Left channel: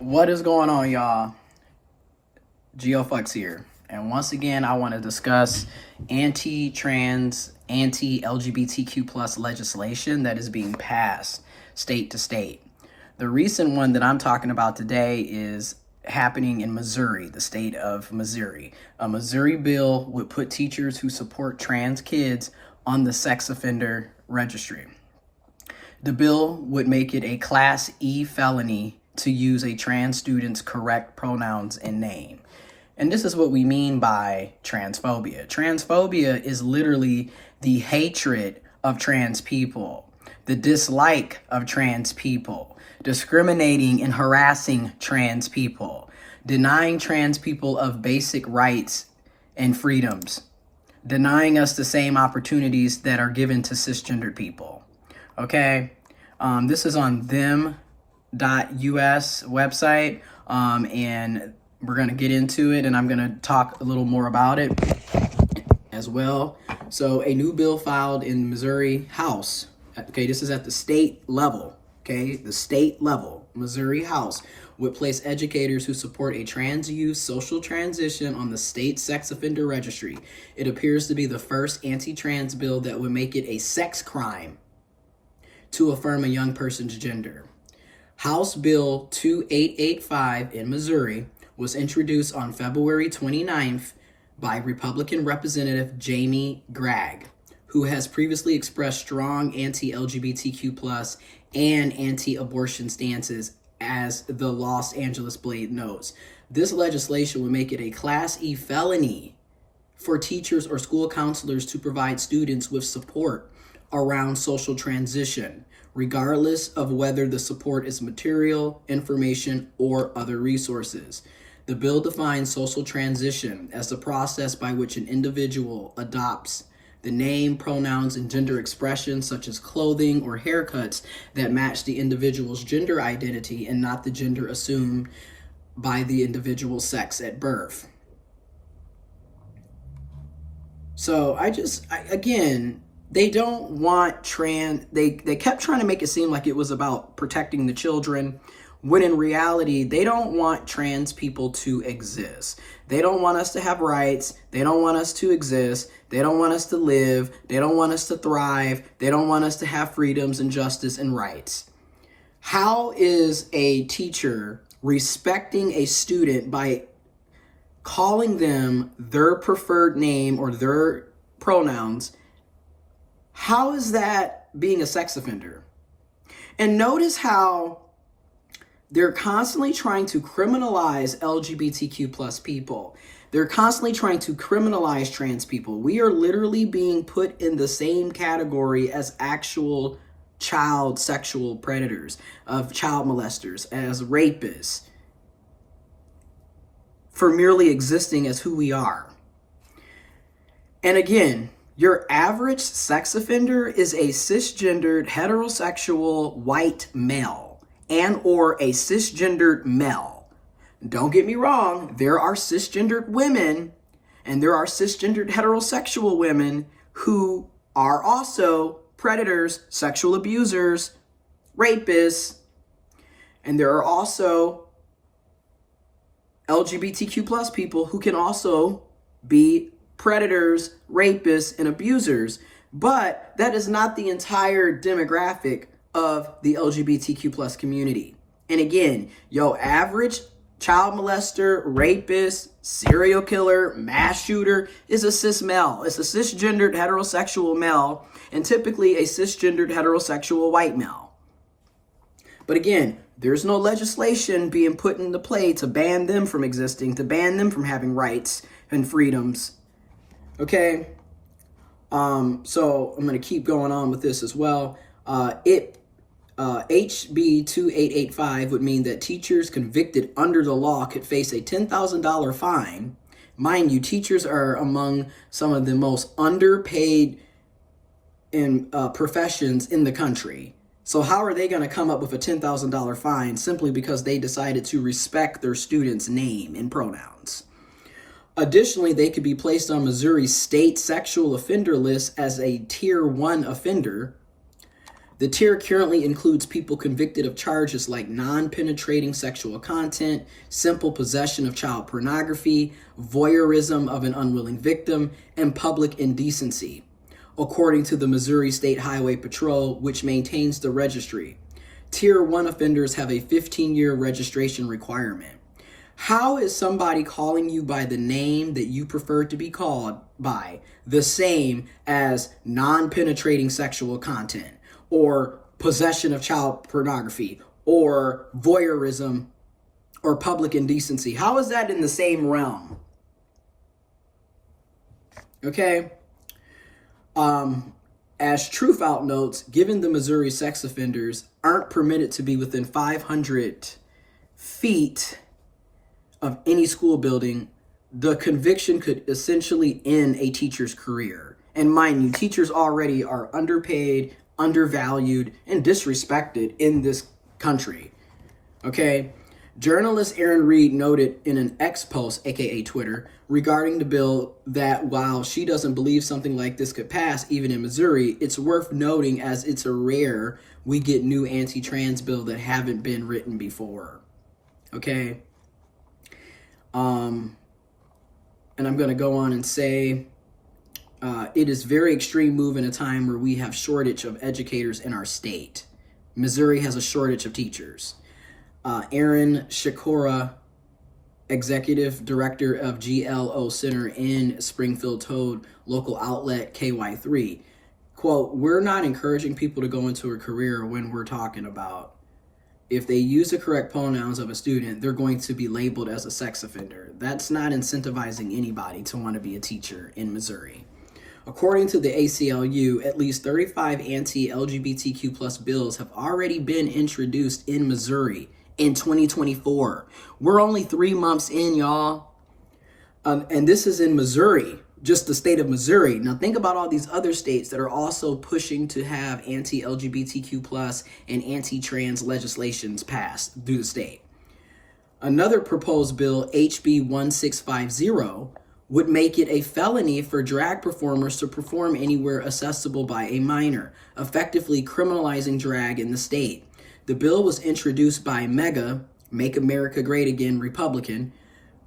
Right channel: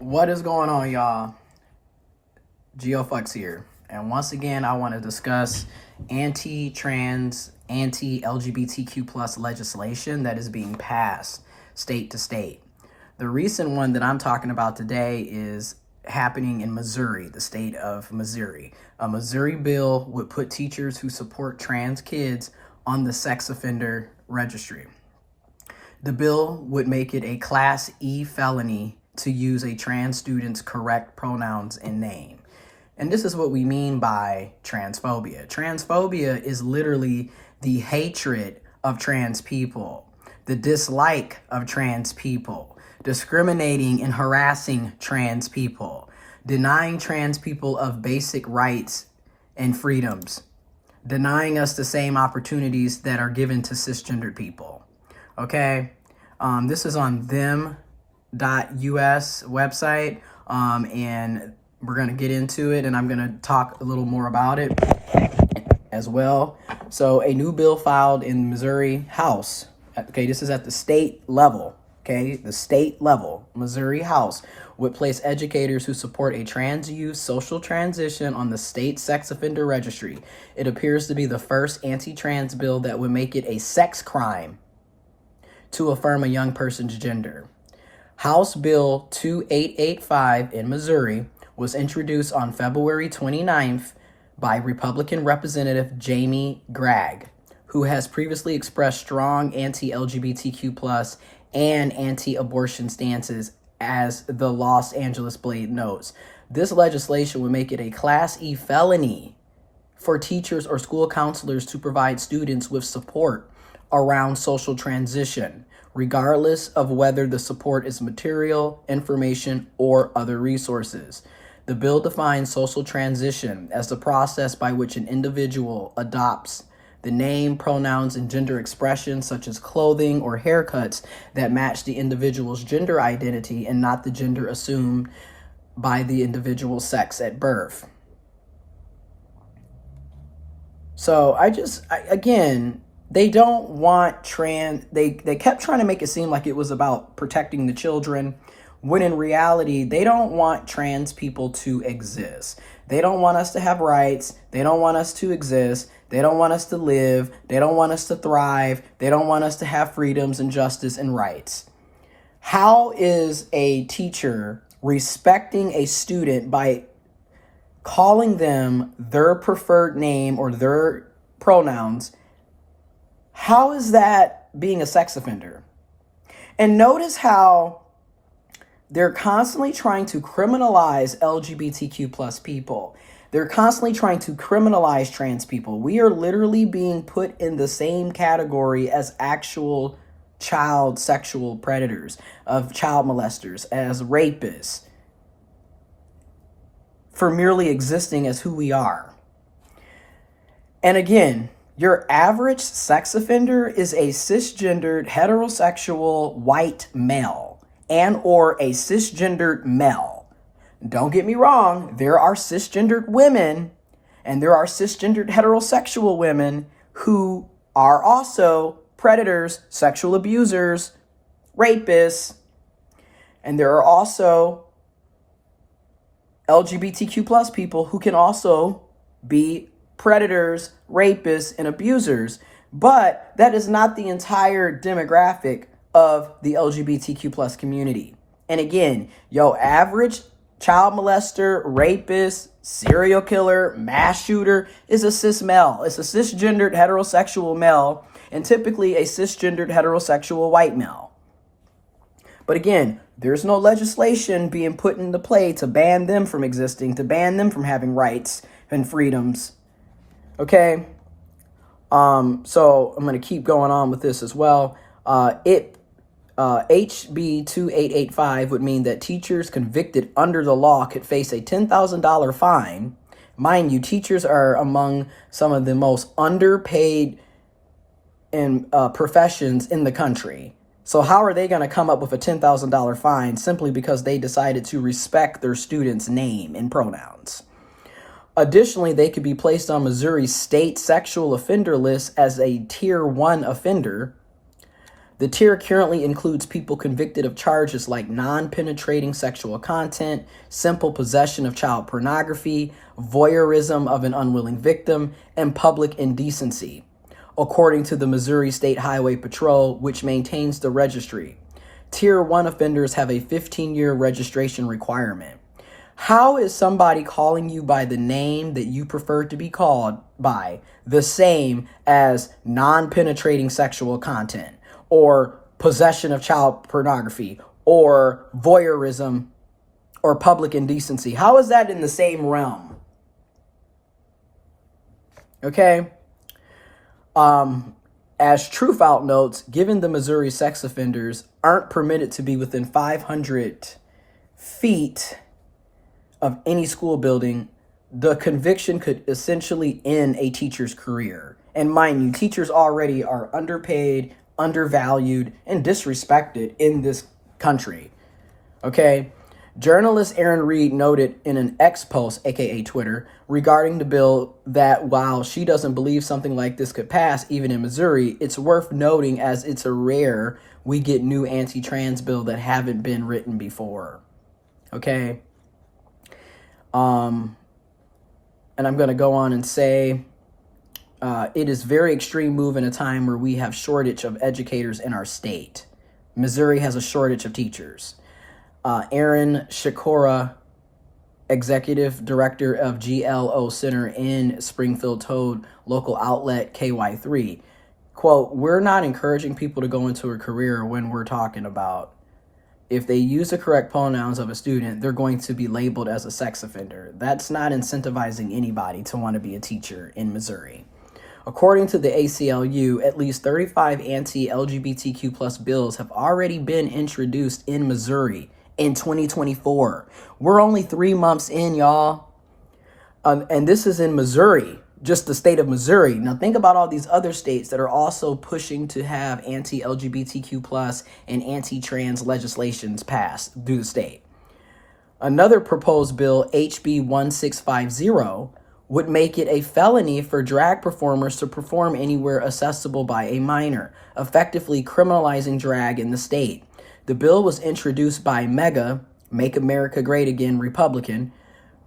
What is going on, y'all? GeoFux here. And once again, I want to discuss anti-trans, anti-LGBTQ plus legislation that is being passed state to state. The recent one that I'm talking about today is happening in Missouri, the state of Missouri. A Missouri bill would put teachers who support trans kids on the sex offender registry. The bill would make it a Class E felony to use a trans student's correct pronouns and name. And this is what we mean by transphobia. Transphobia is literally the hatred of trans people, the dislike of trans people, discriminating and harassing trans people, denying trans people of basic rights and freedoms, denying us the same opportunities that are given to cisgendered people. Okay, this is on them.us website, and we're going to get into it, and I'm going to talk a little more about it as well. So a new bill filed in Missouri House. Okay, this is at the state level. Okay, the state level, Missouri House, would place educators who support a trans youth social transition on the state sex offender registry. It appears to be the first anti-trans bill that would make it a sex crime to affirm a young person's gender. House Bill 2885 in Missouri was introduced on February 29th by Republican Representative Jamie Gregg, who has previously expressed strong anti-LGBTQ plus and anti-abortion stances, as the Los Angeles Blade notes. This legislation would make it a Class E felony for teachers or school counselors to provide students with support around social transition, regardless of whether the support is material, information, or other resources. The bill defines social transition as the process by which an individual adopts the name, pronouns, and gender expressions such as clothing or haircuts that match the individual's gender identity and not the gender assumed by the individual's sex at birth. So again, they don't want they kept trying to make it seem like it was about protecting the children, when in reality, they don't want trans people to exist. They don't want us to have rights. They don't want us to exist. They don't want us to live. They don't want us to thrive. They don't want us to have freedoms and justice and rights. How is a teacher respecting a student by calling them their preferred name or their pronouns? How is that being a sex offender? And notice how they're constantly trying to criminalize LGBTQ plus people. They're constantly trying to criminalize trans people. We are literally being put in the same category as actual child sexual predators, of child molesters, as rapists, for merely existing as who we are. And again, your average sex offender is a cisgendered, heterosexual, white male and or a cisgendered male. Don't get me wrong, there are cisgendered women and there are cisgendered heterosexual women who are also predators, sexual abusers, rapists, and there are also LGBTQ plus people who can also be predators, rapists, and abusers. But that is not the entire demographic of the LGBTQ plus community. And again, your average child molester, rapist, serial killer, mass shooter is a cis male. It's a cisgendered heterosexual male, and typically a cisgendered heterosexual white male. But again, there's no legislation being put into play to ban them from existing, to ban them from having rights and freedoms. Okay? So I'm going to keep going on with this as well. HB 2885 would mean that teachers convicted under the law could face a $10,000 fine. Mind you, teachers are among some of the most underpaid professions in the country. So how are they going to come up with a $10,000 fine simply because they decided to respect their students' name and pronouns? Additionally, they could be placed on Missouri's state sexual offender list as a tier 1 offender. The tier currently includes people convicted of charges like non-penetrating sexual content, simple possession of child pornography, voyeurism of an unwilling victim, and public indecency, according to the Missouri State Highway Patrol, which maintains the registry. Tier 1 offenders have a 15-year registration requirement. How is somebody calling you by the name that you prefer to be called by the same as non-penetrating sexual content, or possession of child pornography, or voyeurism, or public indecency? How is that in the same realm? Okay. As Truthout notes, given the Missouri sex offenders aren't permitted to be within 500 feet of any school building, the conviction could essentially end a teacher's career. And mind you, teachers already are underpaid, undervalued, and disrespected in this country. Okay? Journalist Erin Reed noted in an X post, aka Twitter, regarding the bill that while she doesn't believe something like this could pass even in Missouri, it's worth noting as it's a rare we get new anti-trans bill that haven't been written before. Okay? And I'm going to go on and say, it is very extreme move in a time where we have shortage of educators in our state. Missouri has a shortage of teachers. Aaron Shakura, executive director of GLO Center in Springfield, told local outlet KY3, quote, "We're not encouraging people to go into a career when we're talking about if they use the correct pronouns of a student, they're going to be labeled as a sex offender. That's not incentivizing anybody to want to be a teacher in Missouri." According to the ACLU, at least 35 anti-LGBTQ plus bills have already been introduced in Missouri in 2024. We're only 3 months in, y'all. And this is in Missouri, just the state of Missouri. Now think about all these other states that are also pushing to have anti-LGBTQ plus and anti-trans legislations passed through the state. Another proposed bill, HB 1650, would make it a felony for drag performers to perform anywhere accessible by a minor, effectively criminalizing drag in the state. The bill was introduced by MEGA, Make America Great Again Republican,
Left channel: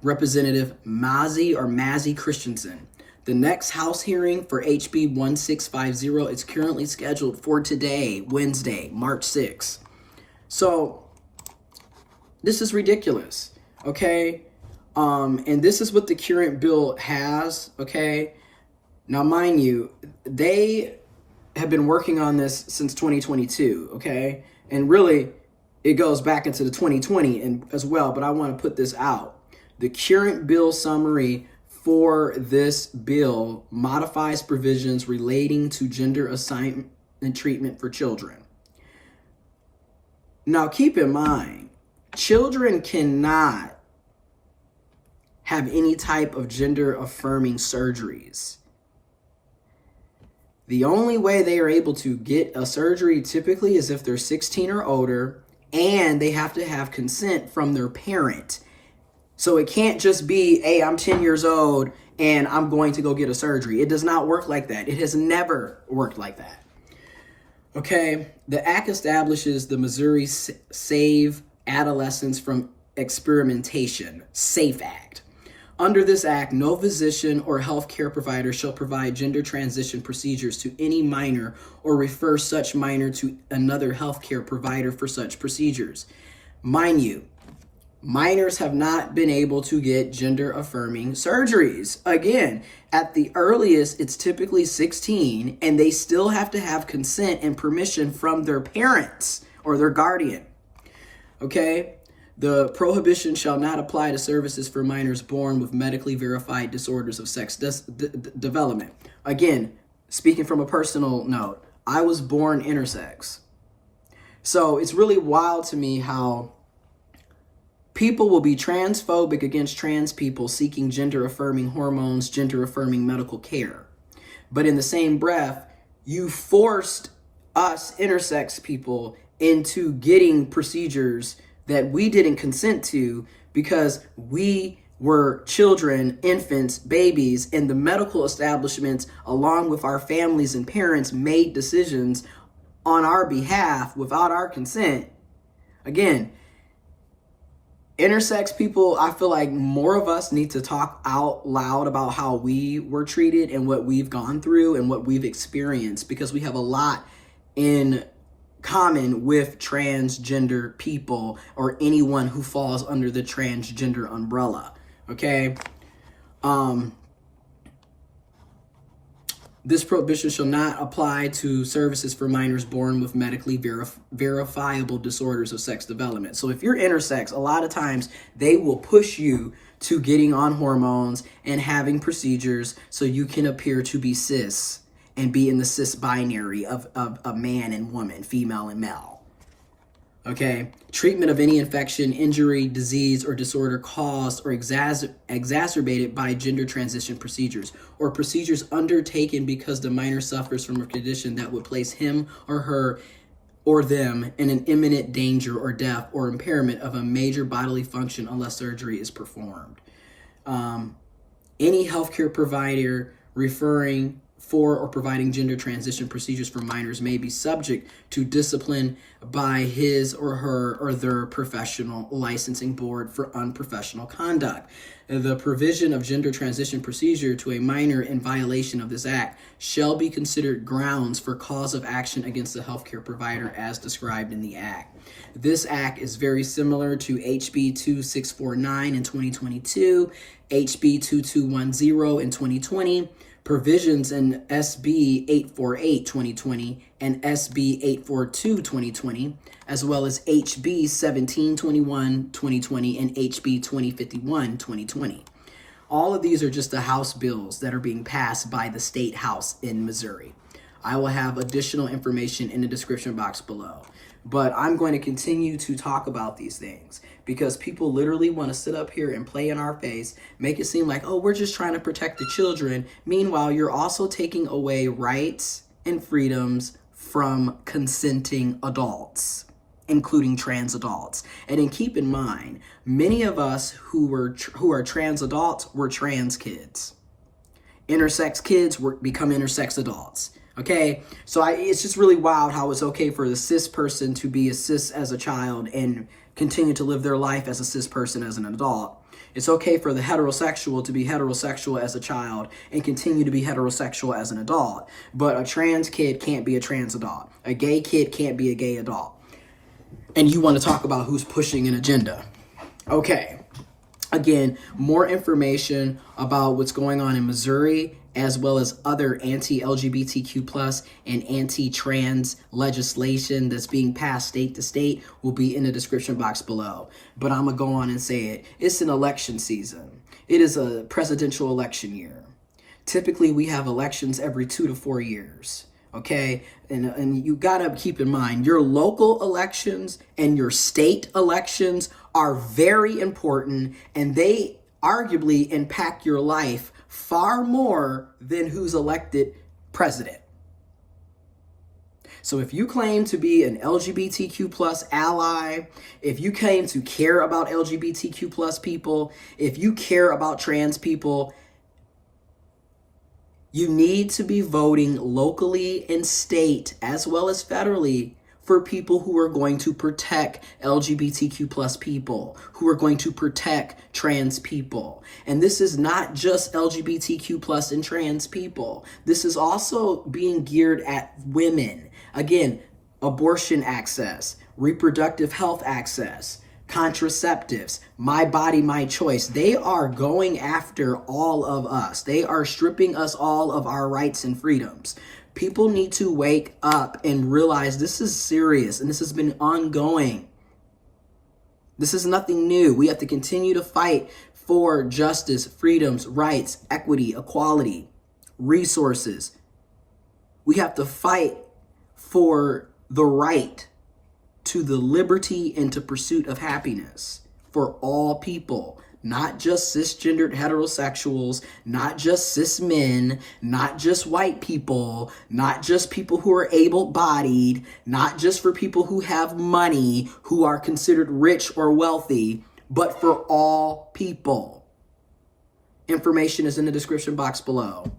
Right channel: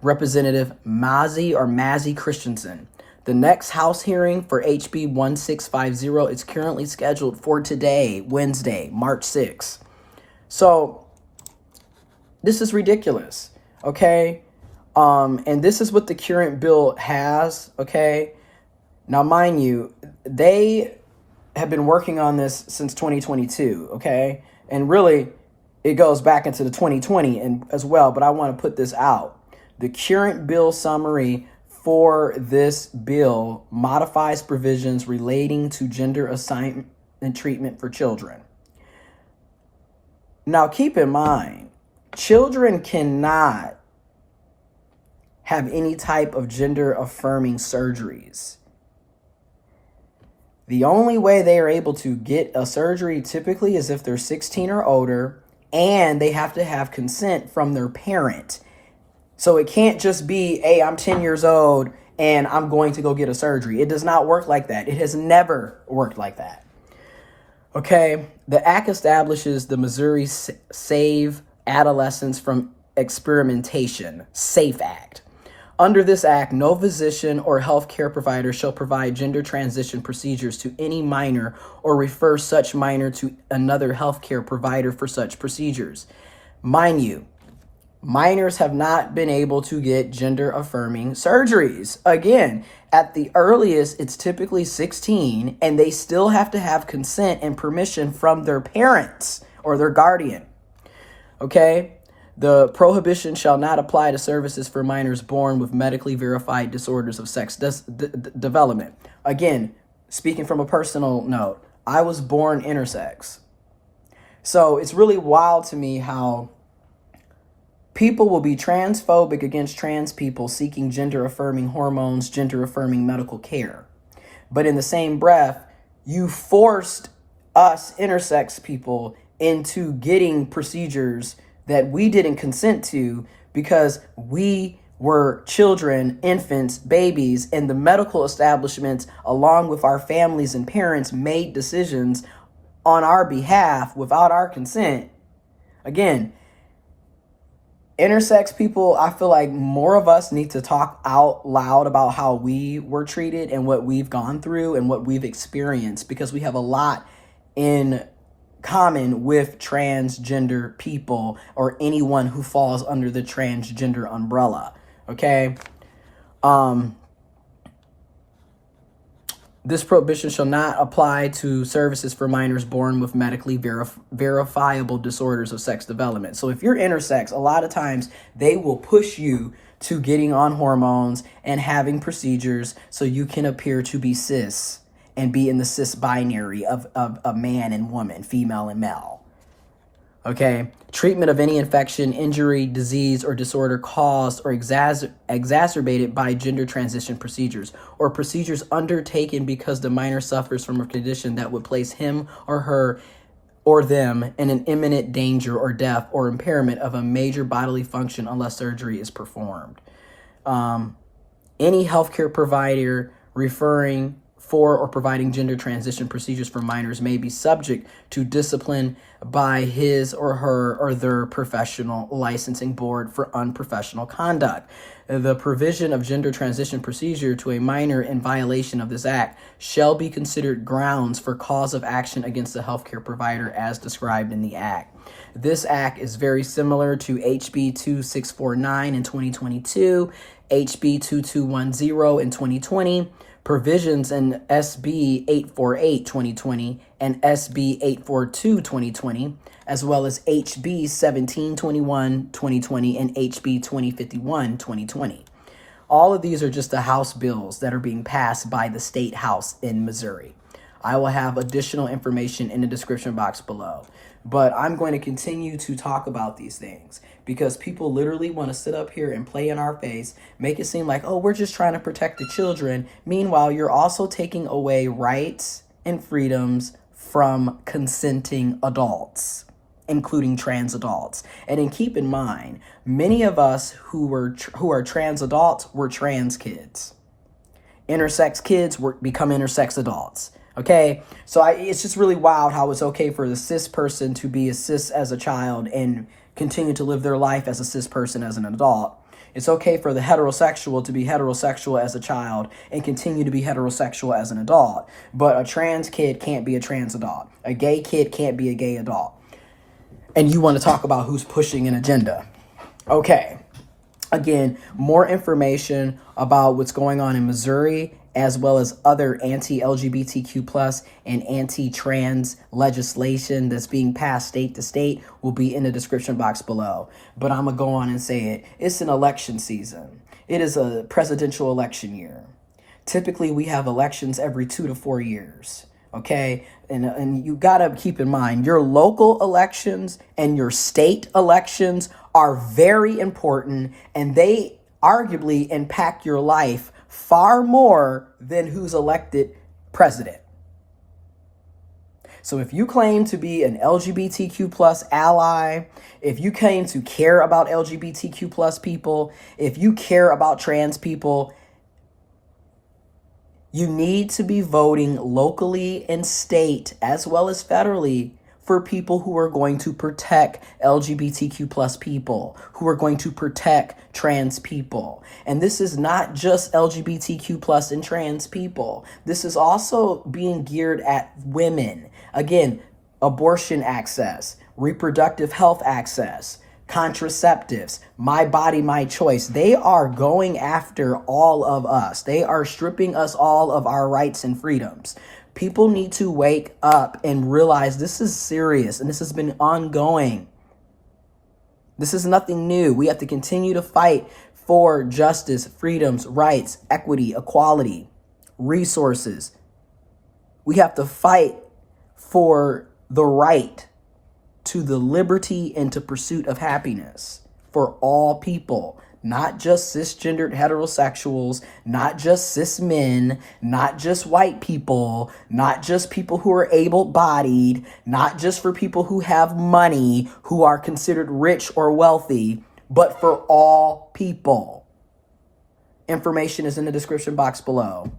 Representative Mazzy Christensen. The next House hearing for HB 1650 is currently scheduled for today, Wednesday, March 6th. So this is ridiculous, okay? And this is what the current bill has, okay? Now, mind you, they have been working on this since 2022, okay? And really, it goes back into the 2020 and as well, but I want to put this out. The current bill summary for this bill modifies provisions relating to gender assignment and treatment for children. Now, keep in mind, children cannot have any type of gender-affirming surgeries. The only way they are able to get a surgery typically is if they're 16 or older, and they have to have consent from their parent. So it can't just be, hey, I'm 10 years old and I'm going to go get a surgery. It does not work like that. It has never worked like that. Okay, the act establishes the Missouri Save Adolescents from Experimentation, SAFE Act. Under this act, no physician or healthcare provider shall provide gender transition procedures to any minor or refer such minor to another healthcare provider for such procedures. Mind you, minors have not been able to get gender-affirming surgeries. Again, at the earliest, it's typically 16, and they still have to have consent and permission from their parents or their guardian. Okay? The prohibition shall not apply to services for minors born with medically verified disorders of sex development. Again, speaking from a personal note, I was born intersex. So it's really wild to me how people will be transphobic against trans people seeking gender-affirming hormones, gender-affirming medical care. But in the same breath, you forced us intersex people into getting procedures that we didn't consent to because we were children, infants, babies, and the medical establishments, along with our families and parents, made decisions on our behalf without our consent. Again, intersex people, I feel like more of us need to talk out loud about how we were treated and what we've gone through and what we've experienced, because we have a lot in common with transgender people or anyone who falls under the transgender umbrella. Okay? This prohibition shall not apply to services for minors born with medically verifiable disorders of sex development. So if you're intersex, a lot of times they will push you to getting on hormones and having procedures so you can appear to be cis and be in the cis binary of a man and woman, female and male. Okay? Treatment of any infection, injury, disease, or disorder caused or exacerbated by gender transition procedures, or procedures undertaken because the minor suffers from a condition that would place him or her or them in an imminent danger or death or impairment of a major bodily function unless surgery is performed. Any healthcare provider referring for or providing gender transition procedures for minors may be subject to discipline by his or her or their professional licensing board for unprofessional conduct. The provision of gender transition procedure to a minor in violation of this act shall be considered grounds for cause of action against the healthcare provider as described in the act. This act is very similar to HB 2649 in 2022, HB 2210 in 2020, provisions in SB 848 2020 and SB 842 2020, as well as HB 1721 2020 and HB 2051 2020. All of these are just the House bills that are being passed by the State House in Missouri. I will have additional information in the description box below. But I'm going to continue to talk about these things because people literally want to sit up here and play in our face, make it seem like, oh, we're just trying to protect the children. Meanwhile, you're also taking away rights and freedoms from consenting adults, including trans adults. And then keep in mind, many of us who are trans adults were trans kids. Intersex kids become intersex adults. Okay, so it's just really wild how it's okay for the cis person to be a cis as a child and continue to live their life as a cis person as an adult. It's okay for the heterosexual to be heterosexual as a child and continue to be heterosexual as an adult. But a trans kid can't be a trans adult. A gay kid can't be a gay adult. And you want to talk about who's pushing an agenda. Okay, again, more information about what's going on in Missouri as well as other anti-LGBTQ plus and anti-trans legislation that's being passed state to state will be in the description box below. But I'm going to go on and say it. It's an election season. It is a presidential election year. Typically, we have elections every 2 to 4 years. Okay? And you got to keep in mind, your local elections and your state elections are very important, and they arguably impact your life far more than who's elected president. So if you claim to be an LGBTQ plus ally, if you claim to care about LGBTQ plus people, if you care about trans people, you need to be voting locally and state as well as federally for people who are going to protect LGBTQ plus people, who are going to protect trans people. And this is not just LGBTQ plus and trans people. This is also being geared at women. Again, abortion access, reproductive health access, contraceptives, my body, my choice. They are going after all of us. They are stripping us all of our rights and freedoms. People need to wake up and realize this is serious and this has been ongoing. This is nothing new. We have to continue to fight for justice, freedoms, rights, equity, equality, resources. We have to fight for the right to the liberty and to pursuit of happiness for all people. Not just cisgendered heterosexuals, not just cis men, not just white people, not just people who are able-bodied, not just for people who have money, who are considered rich or wealthy, but for all people. Information is in the description box below.